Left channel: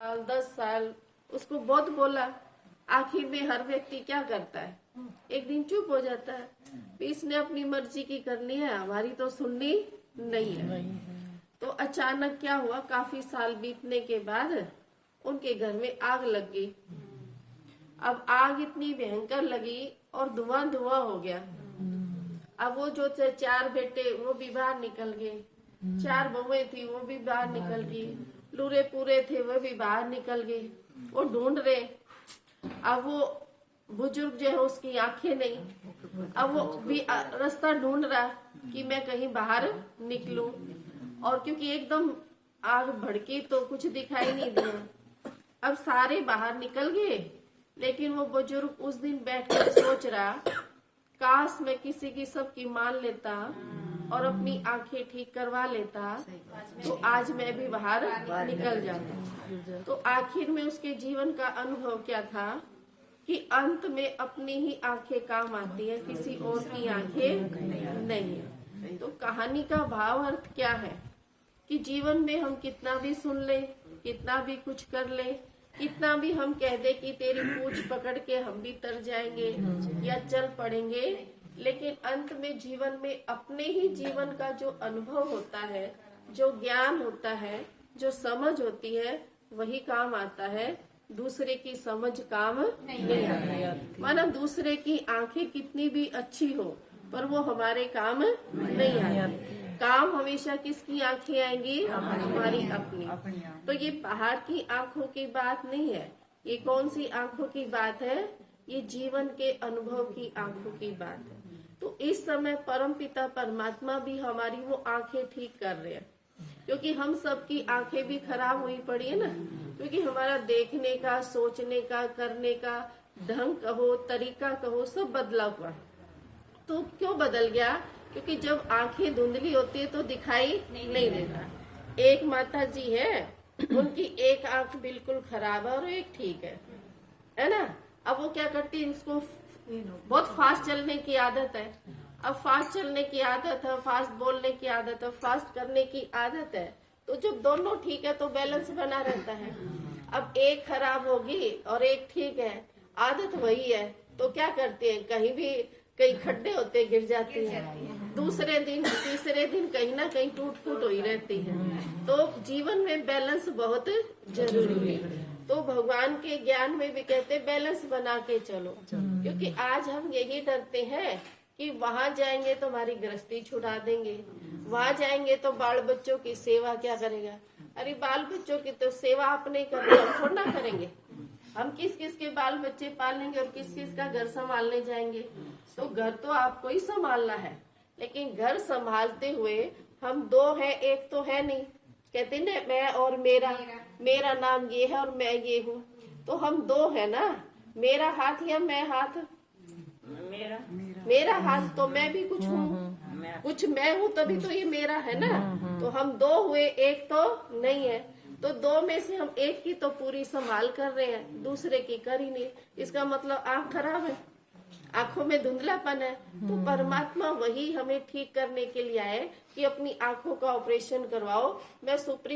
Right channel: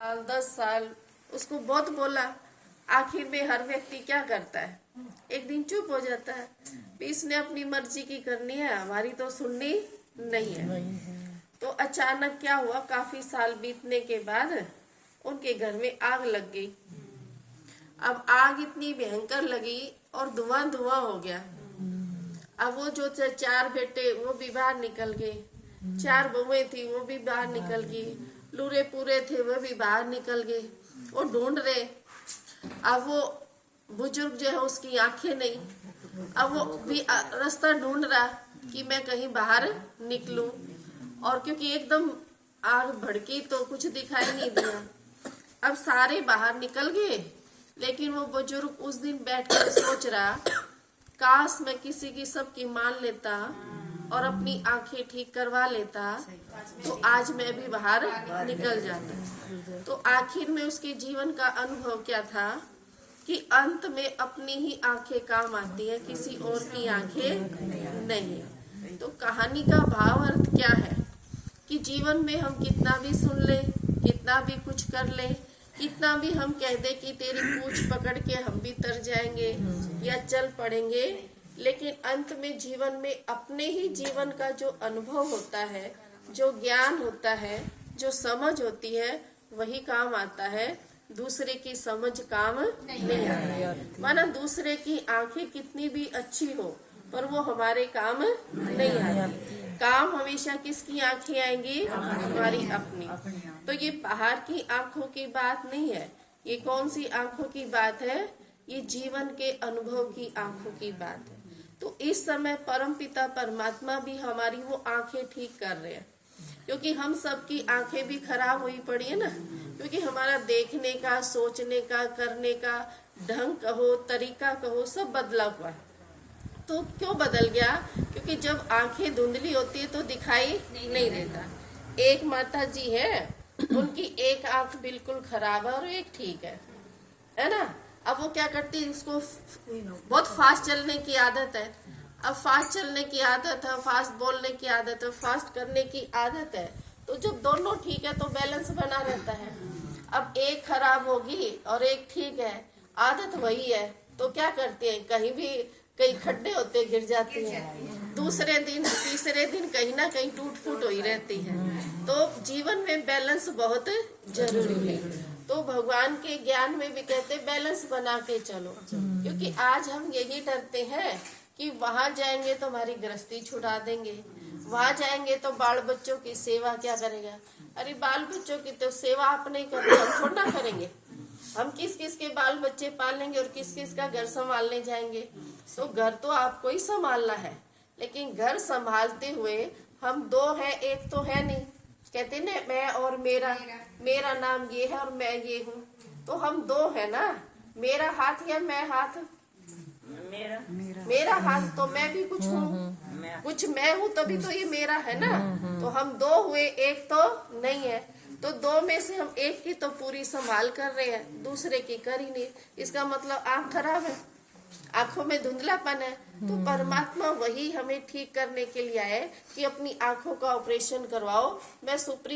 साल 10 साल उसको बहुत बोला। आखिर में हर व्यक्ति क्या करता है, एक दिन चुप हो जाता है। इसने अपनी मर्जी की करनी है, हमारी तो सुननी नहीं है। तो अचानक क्या हुआ, काफी साल बीतने के बाद उनके घर में आग लग गई। अब आग इतनी भयंकर लगी और धुआं धुआं हो गया। अब वो जो 4 बेटे वो भी बाहर निकल गए, 4 बहुएं थी वो भी बाहर निकल गई, लूरे पूरे थे वो भी बाहर निकल गए। वो ढूंढ रहे। अब वो बुजुर्ग जो है उसकी आंखें नहीं, अब वो भी रास्ता ढूंढ रहा कि मैं कहीं बाहर निकलूं। और क्योंकि एकदम आग भड़की तो कुछ दिखाई नहीं दिया। अब सारे बाहर निकल गए, लेकिन वो बुजुर्ग उस दिन बैठकर सोच रहा, काश मैं किसी की सबकी मान लेता और अपनी आंखें ठीक करवा लेता तो आज मैं भी बाहर निकल जाता। तो आखिर में उसके जीवन का अनुभव क्या था कि अंत में अपनी ही आंखें काम आती है, किसी और की आंखें नहीं। तो कहानी का भाव अर्थ क्या है कि जीवन में हम कितना भी सुन ले, कितना भी कुछ कर ले, कितना भी हम कह दे कि तेरी पूंछ पकड़ के हम भी तर जाएंगे या चल पड़ेंगे, लेकिन अंत में जीवन में अपने ही जीवन का जो अनुभव होता है, जो ज्ञान होता है, जो समझ होती है, वही काम आता है। दूसरे की समझ काम नहीं आती। माना दूसरे की आंखें कितनी भी अच्छी हो पर वो हमारे काम नहीं आती। काम हमेशा किसकी आंखें आएंगी, हमारी अपनी। तो ये बाहर की आंखों की बात नहीं है, ये कौन सी आंखों की बात है, ये जीवन के अनुभव की आंखों की बात है। तो इस समय परमपिता परमात्मा भी हमारी वो आंखें ठीक कर रहे हैं, क्योंकि हम सबकी आंखें भी खराब हुई पड़ी है ना। क्योंकि हमारा देखने का, सोचने का, करने का ढंग कहो, तरीका कहो, सब बदला हुआ। तो क्यों बदल गया? क्योंकि जब आंखें धुंधली होती है तो दिखाई नहीं देता। एक माता जी है, उनकी एक आंख बिल्कुल खराब है और एक ठीक है ना। अब वो क्या करती है, उसको बहुत फास्ट चलने की आदत है। अब फास्ट चलने की आदत है, फास्ट बोलने की आदत है, फास्ट करने की आदत है। तो जब दोनों ठीक है तो बैलेंस बना रहता है। अब एक खराब होगी और एक ठीक है, आदत वही है, तो क्या करते हैं, कहीं भी कई खड्डे होते गिर जाती है, दूसरे दिन तीसरे दिन कहीं ना कहीं टूट फूट हो ही रहती है। तो जीवन में बैलेंस बहुत जरूरी है। तो भगवान के ज्ञान में भी कहते बैलेंस बना के चलो। क्योंकि आज हम यही डरते हैं कि वहां जाएंगे तो हमारी गृहस्थी छुड़ा देंगे, वहां जाएंगे तो बाल बच्चों की सेवा क्या करेगा। अरे बाल बच्चों की तो सेवा अपने करो, हम थोड़ा ना करेंगे। हम किस किस के बाल बच्चे पालेंगे और किस किस का घर संभालने जाएंगे। तो घर तो आपको ही संभालना है, लेकिन घर संभालते हुए हम 2 हैं, एक तो है नहीं। कहते ना मैं और मेरा नाम ये है और मैं ये हूँ। तो हम 2 है ना, मेरा हाथ या मैं हाथ, मेरा हाथ तो मैं भी कुछ हूँ, कुछ मैं हूँ, तभी तो ये मेरा है ना। तो हम 2 हुए, एक तो नहीं है। तो 2 में से हम एक की तो पूरी संभाल कर रहे हैं, दूसरे की कर ही नहीं। इसका मतलब आंख खराब है, आंखों में धुंधलापन है। तो परमात्मा वही हमें ठीक करने के लिए आए कि अपनी आंखों का ऑपरेशन करवाओ। मैं सुप्रीम